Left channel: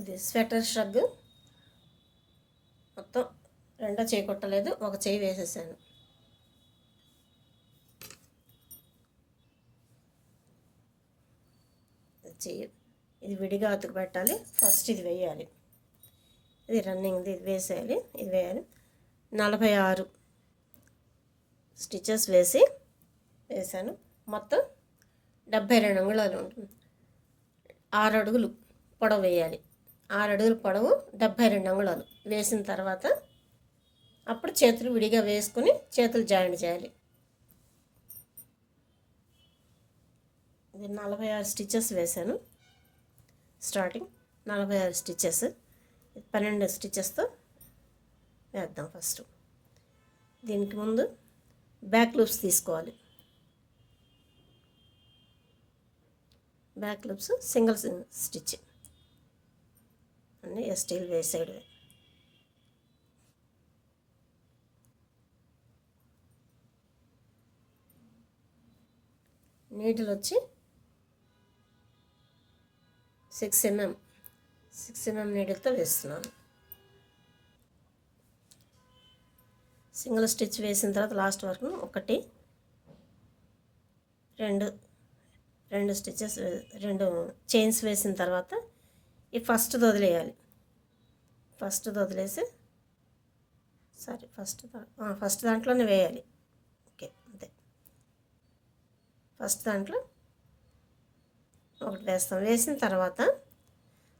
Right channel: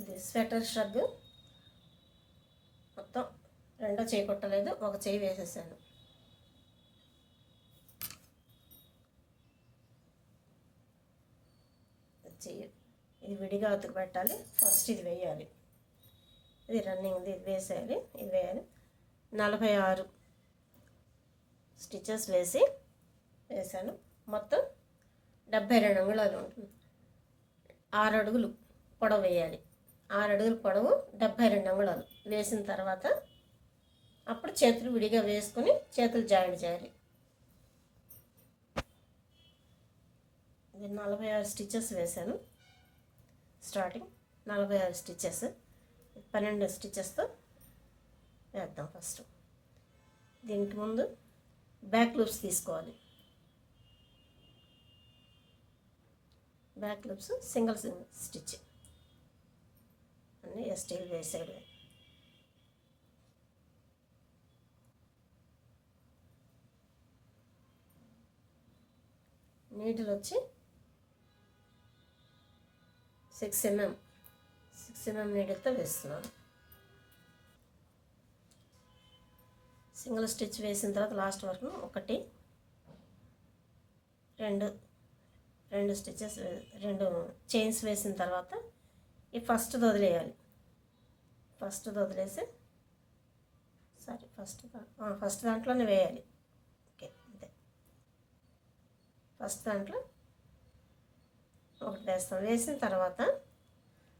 ఇది స్వెటర్ షగ్ మొత్తం రెండో చేయి కొట్టలేదు, ఒక చేయి వేసేసాను. చెయ్యి ఇది విడిగా అతుకు పెట్టాలి. ఫస్ట్ ఇది వేయాలి, ఇది రన్నింగ్ది ఇది వేసేయాలి, ఇది వేయాలి. 46 స్టిచెస్ వేసాను. మొత్తం 72 అంగుళాలు ఉంటుంది. 6 అడుగులు పొడవు వేయాలి. 6 అడుగులు పొడవు 72 అంగుళాలు వేసిన తర్వాత అప్పుడు చేతులు విడిగా వేసుకొని చేతులు జాయింట్ చేయాలి. ఇది 46 స్టిచెస్ వేసాను. స్టార్టింగ్ 46 స్టిచెస్, 12 స్టిచెస్తో వేద్దాం. ఫస్ట్ దీనికి ముందు బ్యాక్ లూప్స్ తీసుకోవాలి. బ్యాక్ లూప్స్ సింగిల్ స్టిచ్ అన్నీ స్టీల్ వేసాడు. నీడిల్ వచ్చి 6 mm నీడిల్తో వేస్తున్నాను. సింగిల్ స్టిచ్ వేసిన తర్వాత లాస్ట్ వరకు 1 2 స్టిచెస్ 2 చైన్స్ వేసిన తర్వాత ఈ ఫస్ట్ వదిలేయాలి. ఫస్ట్ వదిలేసి ఫస్ట్ దాంట్లోనే వేయాలి. ఓకే, అంతే. ఫస్ట్ దాంట్లో ఒకటి వేస్తాం. వేసిన తర్వాత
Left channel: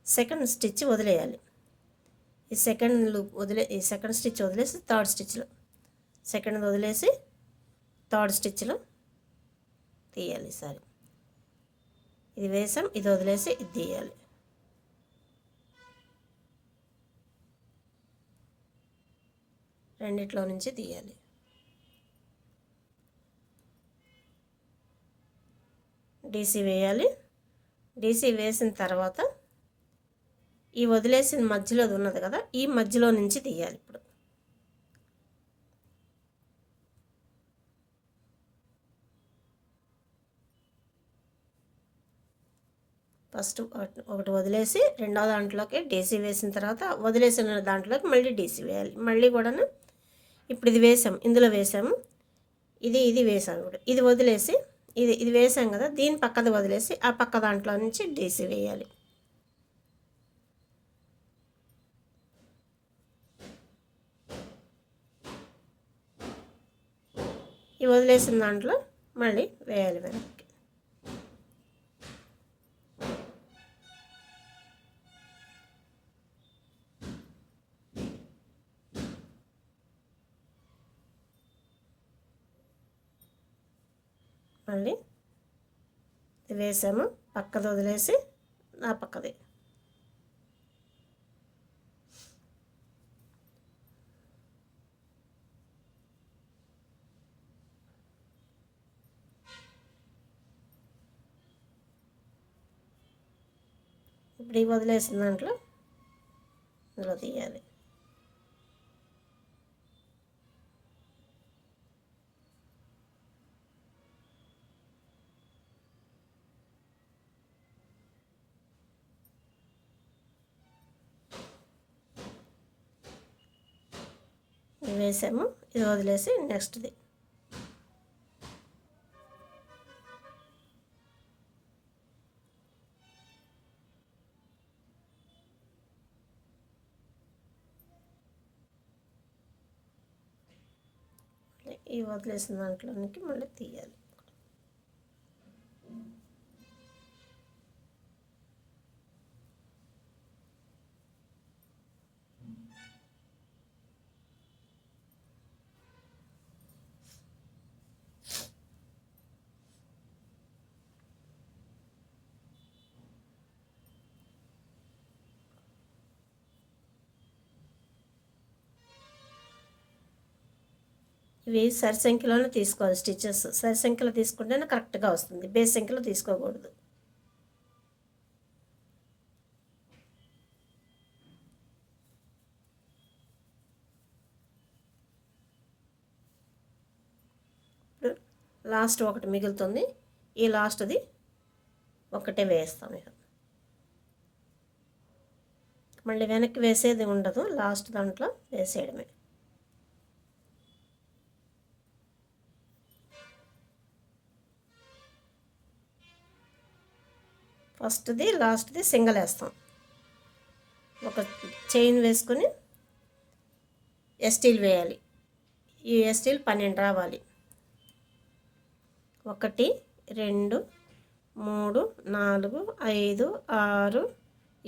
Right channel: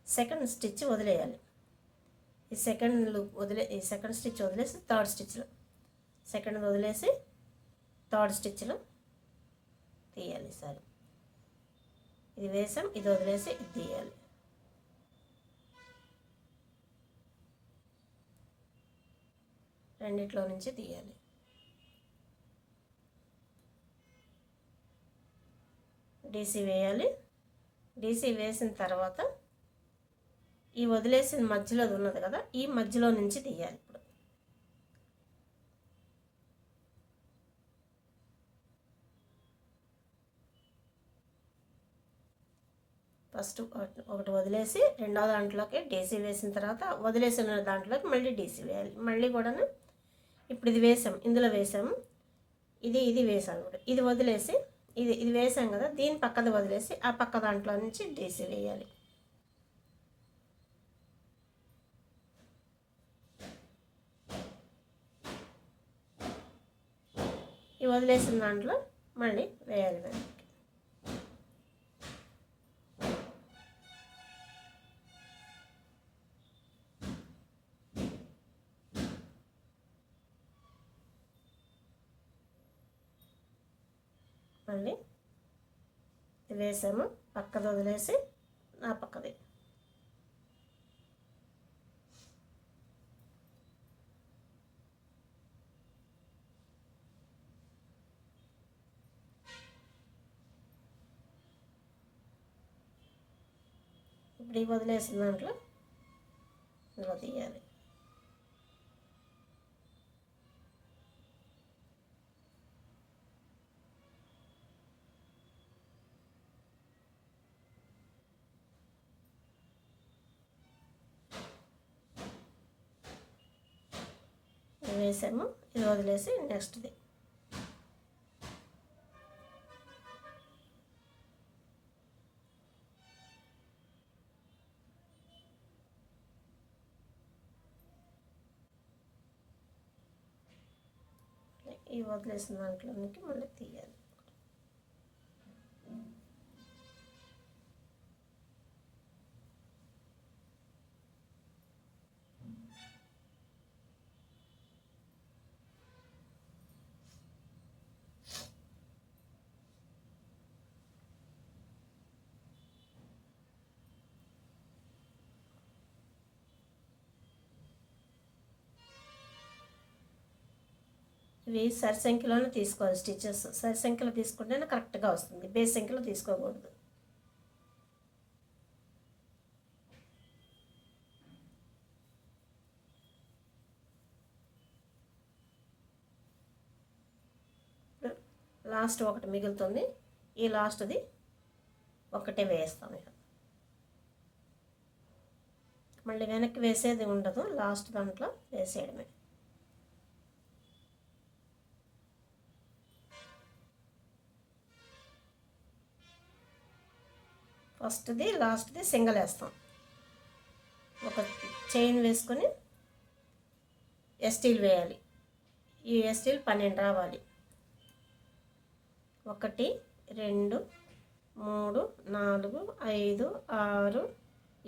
సెకండ్ స్టిచ్ వదిలేయాలి. ఈ సెకండ్ స్టిచ్ వదిలేసి థర్డ్ స్టిచ్లో, సెకండ్ వదిలేసి థర్డ్ స్టిచ్లో తీయాలి. సరే, ఇది వేసాం, ఇది వదిలేసి ఇది తీయాలి. రెండిట్లో నుంచి తీయాలి. డీసీ వేయాలి. డీసీ వేసిన తర్వాత ఈ వదిలేసిన మధ్యలో ఉన్నది కదా, ఈ మధ్యలో నుంచి తీయాలి. ఇప్పుడు ఫస్ట్ ఒకటి వదిలేసి రెండో దాంట్లోకి డీసీ వేసిన తర్వాత వదిలేసిన దాంట్లోకి మళ్ళీ డీసీ వేయాలి. మళ్ళీ కూడా ఇప్పుడు ఇది వేసాం, ఇందులో వేసాము, ఇది వేసాము. ఇప్పుడు ఇది వదిలేసి ఇది వేసాం కదా, దీని పక్కది వదిలేసి ఆ పక్క దాంట్లో నుంచి డీసీ వేయాలి. ఈ వదిలేసిన దాంట్లో మళ్ళీ వేయాలి వెనక్కి. మళ్ళీ వేసాము, పక్కది వదిలేసి ఆ పక్కది ఇప్పుడు ఈ వదిలేసిన దాంట్లో ఇందులో తీయాలి. వేసాము, ఇది వదిలేసి నెక్స్ట్ది ఈ వదిలేసిన దాంట్లోనికి మళ్ళీ తీయాలి. ఇవి సరిసంఖ్యలోనే తీసుకోవాలి. స్టిచెస్ సరిసంఖ్యలో తీసుకుంటేనే కరెక్ట్గా వస్తుంది, బేస్ సంఖ్యలో తీసుకోకూడదు. ఇప్పుడు లాస్ట్ ఒకటి మిగులుతుంది, ఈ లాస్ట్ది ఒకటే వేస్తాం. ఇక మళ్ళీ వెనక్కి వేసేది ఉండదు, లాస్ట్ దాంట్లో వేసేయడమే. ఫస్ట్ది లాస్ట్ది సింగిల్ వేస్తాం. ఒక చైన్ వేసుకొని ఎస్టీలు వేయాలి. ఈ ఎస్టీలు 12 రావాలి. 1 2 3 4 5 6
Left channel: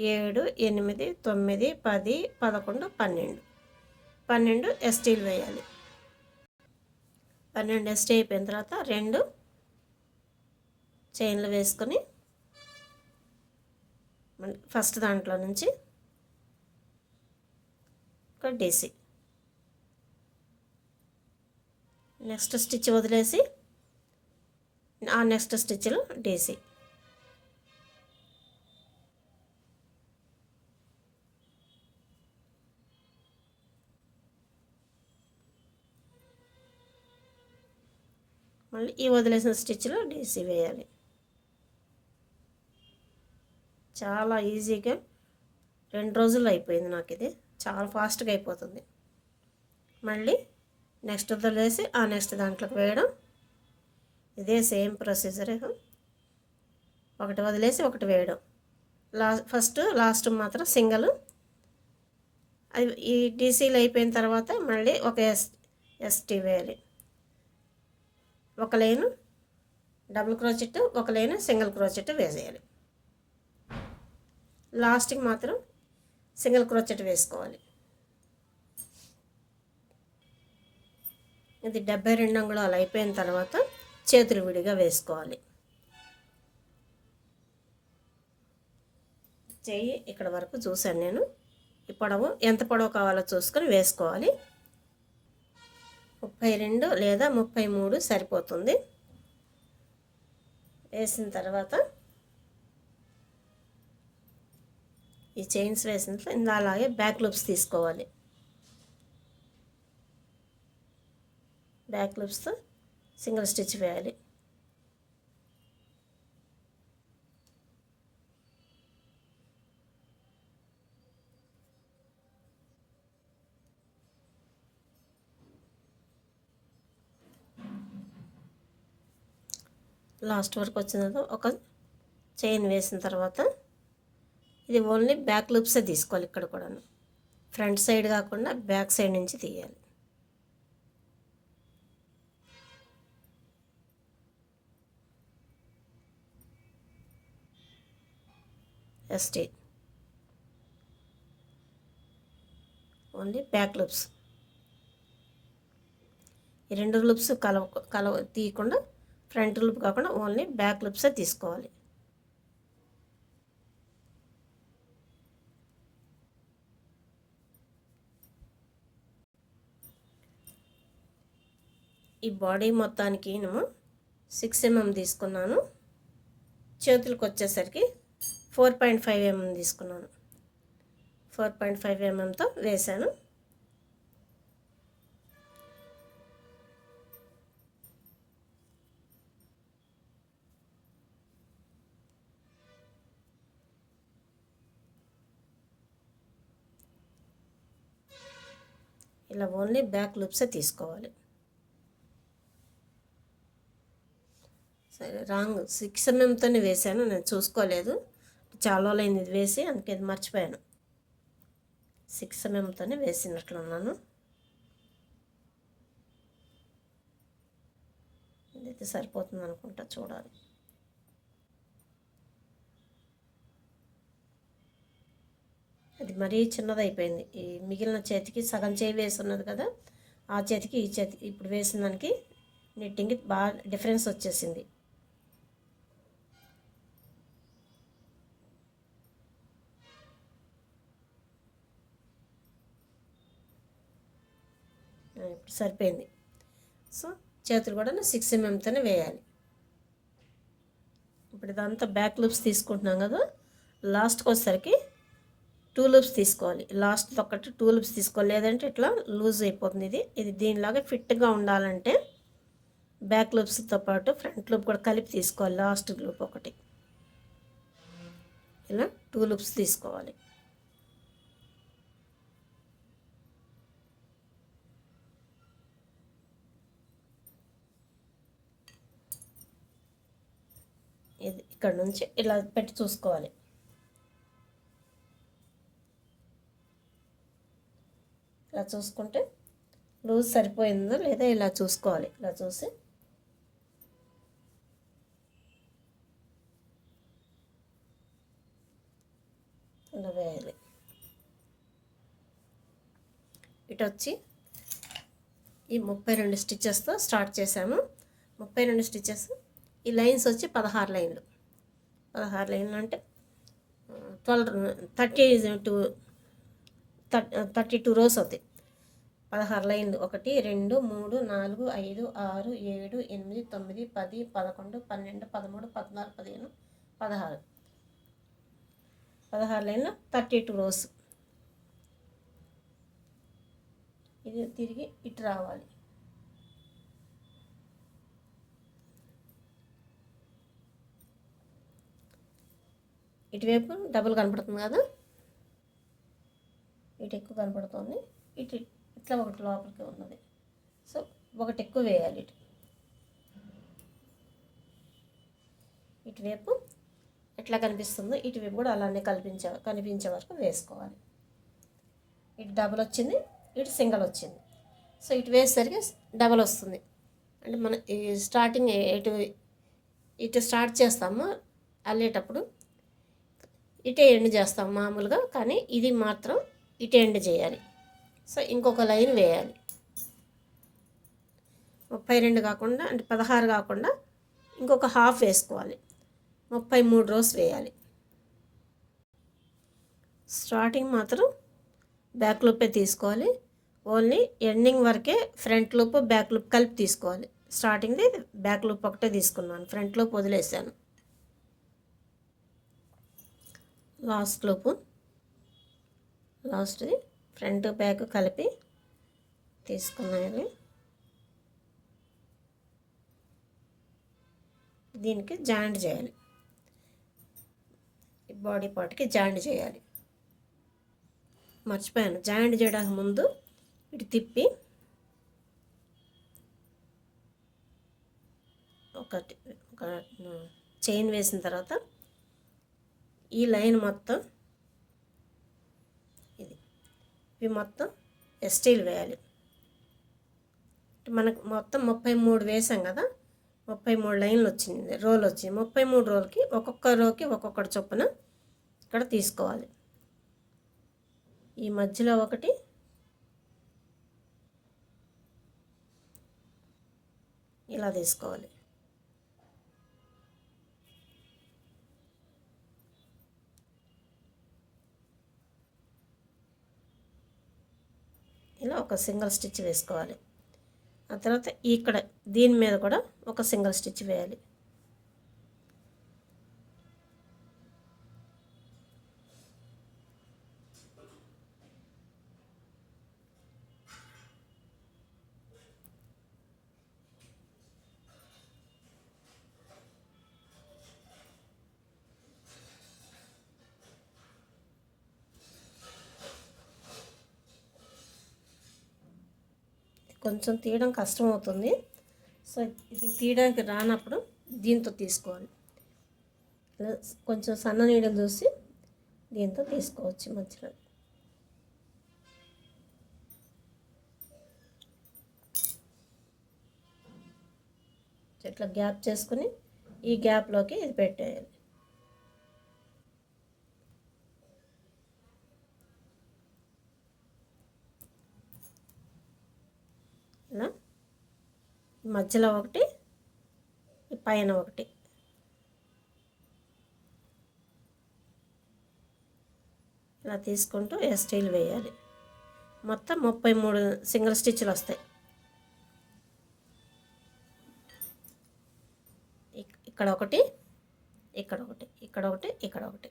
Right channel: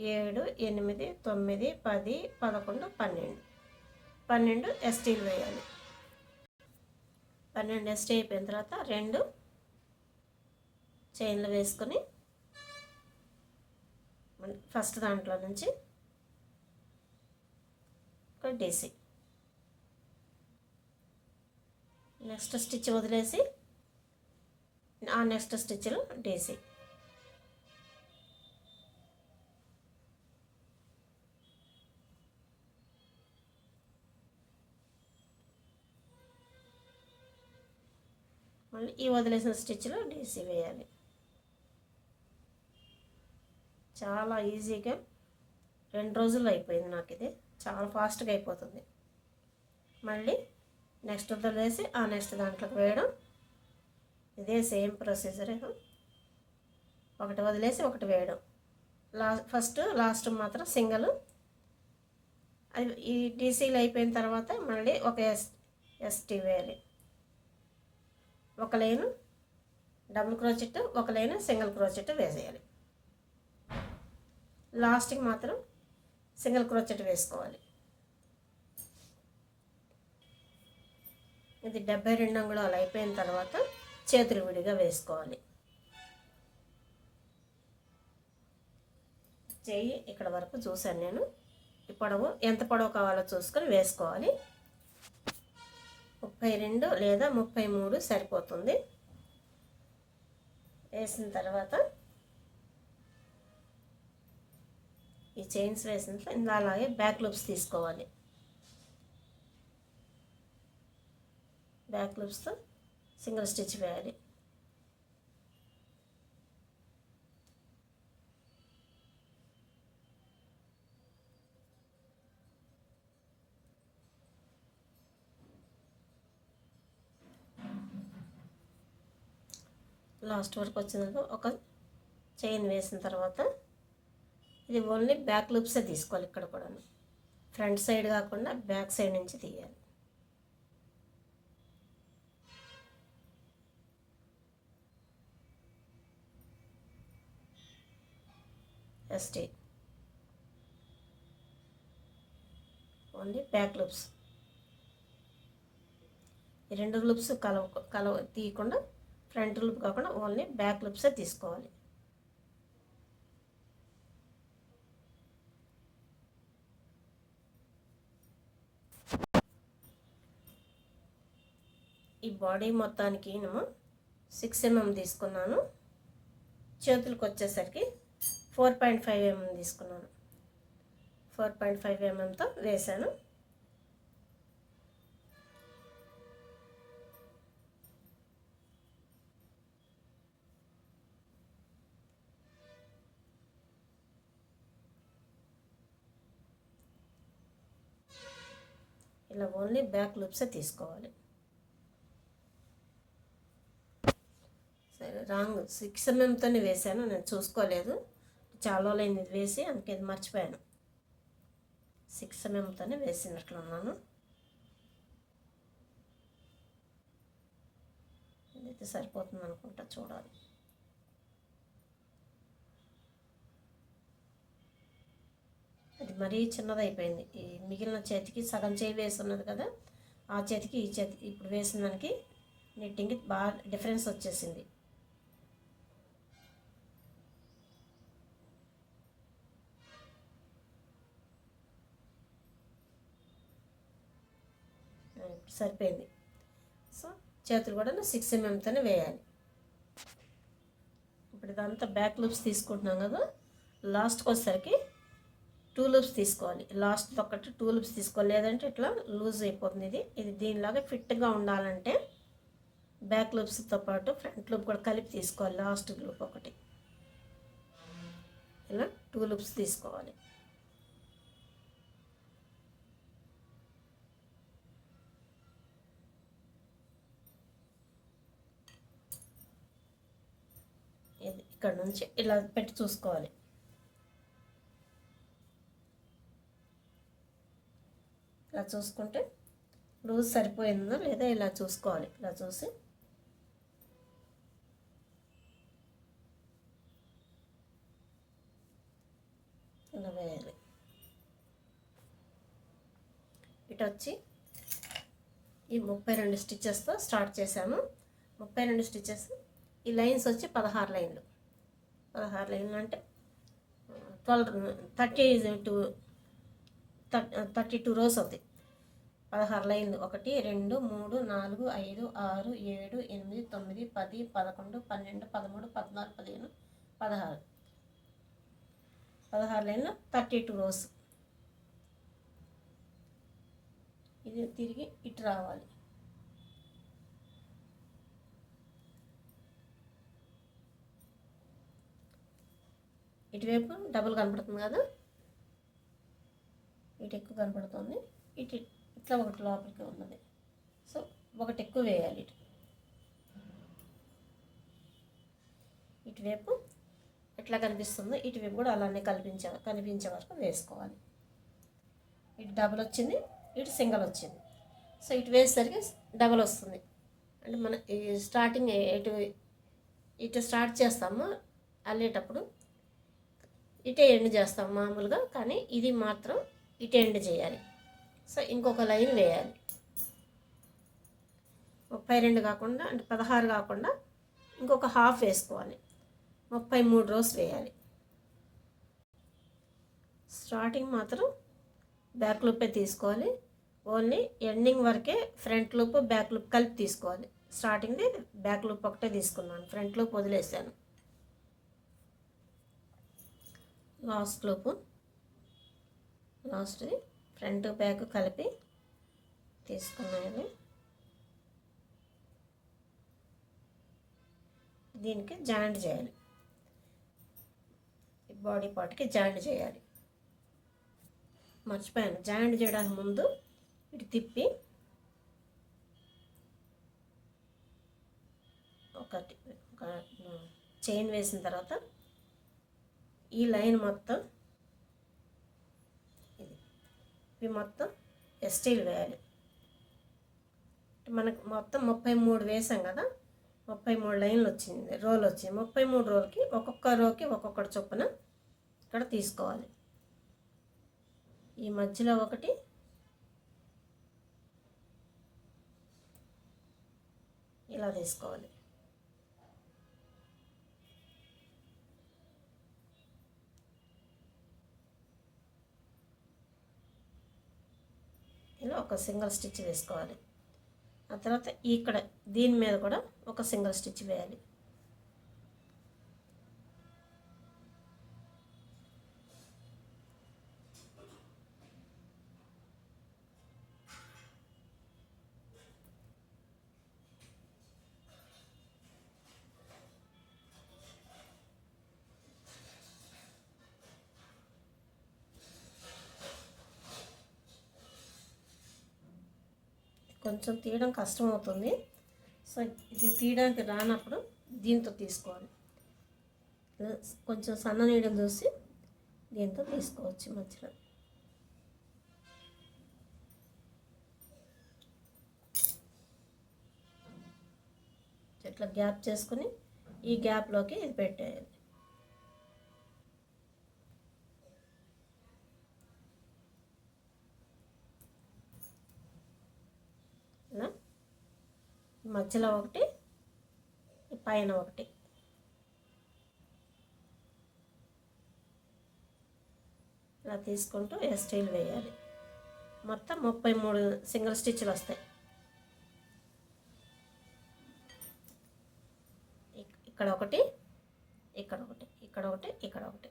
7 8 9 10 11 12 12 ఎస్టీలు వేయాలి. 12 ఎస్టీ అయిపోయిన తర్వాత 2 చైన్లు వేసుకొని ఫస్ట్ దాంట్లో నుంచి ఒక డీసీ, నెక్స్ట్ స్టిచ్ వదిలేసి ఆ నెక్స్ట్ స్టిచ్లో డీసీ. మళ్ళీ ఈ వదిలేసిన స్టిచ్లో డీసీ వేయాలి. చాలా ఈజీగా 2 రోజుల్లో అయిపోయింది నాకు ఇది. చాలా ఫాస్ట్గా అయిపోతుంది. మళ్ళీ నెక్స్ట్ వదిలేసి ఆ నెక్స్ట్ దాంట్లోకి వేయడం. ఇదే సేమ్ ప్రొసీజర్. ఒకటి వదిలేసి ఒకటి వేయడం. ఫస్ట్ లాస్ట్ మాత్రం సింగల్. అది ఈ డీసీలు అయిపోయిన తర్వాత మళ్ళీ ఒక ఎస్టీ వేయాలి. ఒక లైను డబుల్ క్రోచెట్, ఒక లైను సింగిల్ క్రోచెట్ వేసేయాలి. లాస్ట్కి మాత్రం సింగిల్ క్రోచెట్ వేసుకోవాలి. ఇది 72 అంగుళాలు అయిపోయిన తర్వాత చేతులు విడిగా వేసుకోవాలి. చెయ్యి ఇక్కడ వరకు చూశాను నేను. ఈ పొడవు ఎంత పొడవు కావాలో చూసుకొని వేసుకోవాలి. 32 లేదా 33 సరిపోతుంది. వేసిన తర్వాత ఈ చైన్స్ వేసిన అలాగే బ్యాక్ లూప్స్ తీసుకోవాలి. బ్యాక్ లూప్స్తో సింగిల్ స్టిచ్ వేయాలి. లాస్ట్ వరకు వచ్చిన తర్వాత ఒక చైన్ వేసిన తర్వాత ఇది ఓన్లీ బ్యాక్ లూప్సే తీసుకోవాలి. ఇక్కడ కూడా ఫ్రంట్ సైడ్ కాకుండా బ్యాక్ సైడ్ నుంచి తీయాలి. ST only back loops. ఈ 2 లూప్స్ కలవ తీయకుండా ఫ్రంట్ లూప్ కాకుండా ఓన్లీ బ్యాక్ లూప్సే తీసుకోవాలి. ఈ బాడీ మొత్తానికి నేను 6 mm తీసుకున్నాను. చేతులకు వచ్చేసరికి 4.5 mm తీసుకున్నాను. 4.5 mmతో వేసాను. ఇలా ఓన్లీ బ్యాక్ లూప్సే తీసుకోవాలి. సరే, రాంగ్ 6 mmతోనే వేసాను, నేను చూసుకోలేదు. చాలా అయింది ఇది వేసి, అందుకే ఇది మర్చిపోయాను. 6 mmతోనే వేసినట్లున్నాను. ఇదైతే సరిపోతుంది అనుకుంటా, చూడాలి. అది మరీ చిన్నదైపోయింది. ఈ మిగిలిన చేతికి సగం చేయి వేసి ఉన్నది కదా, ఆ చేతికి ఈ చేతికి ఇప్పుడు వేసిన దానికి నిట్టింగ్కి బాగా డిఫరెన్స్ వచ్చేసింది. ఇప్పుడు సరిపోయింది. సో చేతులు కూడా 6 mmతోనే వేయాలి. ఇప్పుడు ఇదంతా బ్యాక్ లూప్స్ తీసుకుంటున్నాం కదా, లాస్ట్కి వచ్చేసరికి 2 లూప్స్ తీసుకోవాలి. లాస్ట్ ఒకటి 2 లూప్స్ తీసుకోవాలి, లేదంటే ఇట్లా లూజ్ అయిపోతుంది. ఇది దీనిలాగా ఫిట్గా ఉండాలంటే బ్యాక్ లూప్స్తో పాటు ఫ్రంట్ లూప్ కూడా కలిపి తీసుకోవాలి. లాస్ట్ లూప్ ఒకటి ఇలా 2 లూప్స్ తీసుకోవాలి. ఇక్కడ నుంచి ఇలా పెట్టి చూసుకోవాలి. ఇలా చూసుకుంటే లూజ్ సరిపోయిందో లేదా ఇలా చూసుకోవాలి. ఇలా చూసి ఇలా వేయాలి. ఇటు వచ్చి ఈ 32 స్టిచ్చెస్తో స్టార్ట్ చేసాము. 32 స్టిచ్చెస్. ఈ లైన్స్ వచ్చి 16 లైన్లు. 16 లైన్లు అంటే 32 రోస్ అవుతాయి. 16 లైన్లు. 1 2 3 4 5 6 7 8 9 10 11 12 13 14 15 16. 16 లైన్లు 32 రోస్. ఇది తిరిగి ఇటు రావాలి. ఇటువైపు డబుల్ కనపడుతుంది కదా, ఇటు ఎక్కువ కనపడుతుంది. ఇటు ఇట్లా ఒకటి లోపలికి ఉన్నది. సో ఒకటి ఎక్కువ వేయాలి. ఇటువైపు ఎట్లా కనిపిస్తుందో ఇటువైపు కూడా అలానే కనిపించే వరకు వేసుకోవాలి. ఇటు డబుల్ వచ్చింది, ఇటు సింగిల్ వచ్చింది. సో ఇటు వేసేసరికి డబల్ వస్తుంది. అంటే మన ఈ స్టార్టింగ్ ఇటు స్టార్ట్ చేస్తాము అల్లేటప్పుడు ఇటే ఎండ్ చేస్తాం మామూలుగా, కానీ ఇది మాత్రం ఇటే ఎండ్ చేయాలి. సో ఇంకొక లైన్ వేయాలి. 32 కాకుండా, అంటే 16 కాకుండా ఇంకొక హాఫ్ వేసుకోవాలి. 33 రోస్ వేయాలి. స్టార్టింగ్ మాత్రం బ్యాక్ లూపే తీసుకోవాలి. ఓన్లీ ఎండింగ్ వరకే ఫ్రంట్ లూప్ బ్యాక్ లూప్ కలిపి తీసుకోవాలి. స్టార్టింగ్ది బ్యాక్ లూప్ ఒకటే తీసుకున్నాను, ఫ్రంట్ లూప్ వదిలేసాను. లాస్ట్ లూపు, లాస్ట్ది ఫ్రంట్ బ్యాక్ కలిపి తీసుకున్నాను. దీనికి జాయింట్ చేయాలి. బాడీ పార్ట్కి జాయింట్ చేయాలి. మర్చిపోయాను, జాయింట్ చేయడానికి ముందు ఇటు తిప్పి ఒక చైన్ వేసిన తర్వాత ఈ లైన్ మొత్తం ఇవి మొత్తం ఎస్టీలు వేయాలి. మనకు మొత్తం 33 వేసాం కదా, 33 లైన్లు వచ్చింది, రోల్ వచ్చింది. 33 రోల్కి ఒక్కొక్క రోకి ఒక్కొక్కటి చొప్పున ఇక్కడ తీసుకోవాలి. ఈ మధ్యలో ఒకటి, ఇలా తీసుకోవాలి. ఇలా ఒక సింగిల్ స్టిచ్ వేసుకోవాలి. ఆ తర్వాత ఇక్కడ దీని మీద కూడా ఒక సింగిల్ స్టిచ్ వేయాలి. కొంచెం తీయడం కష్టం అవుతుంది. సో ఇది తీయడానికి రానప్పుడు దీంతో తీసుకోవాలి. కొంచెం సన్న నీడలు చూసి దీంతో తీసుకోవచ్చు. మధ్యలో ఇట్లా గ్యాప్ చేసుకుని ఈ గ్యాప్లోకి ఇది పెట్టేయాలి. ఇలా మధ్యలో ఒకటి, పైన ఒకటి, ఇలా తీసుకుంటూ ఎస్టీలు వేయాలి. మొత్తం 33 సింగిల్ స్టిచ్లు వస్తాయి. ఇక్కడ ఒకటి, ఇక్కడ ఒకటి, ఇక్కడ ఒకటి, ఇక్కడ ఒకటి.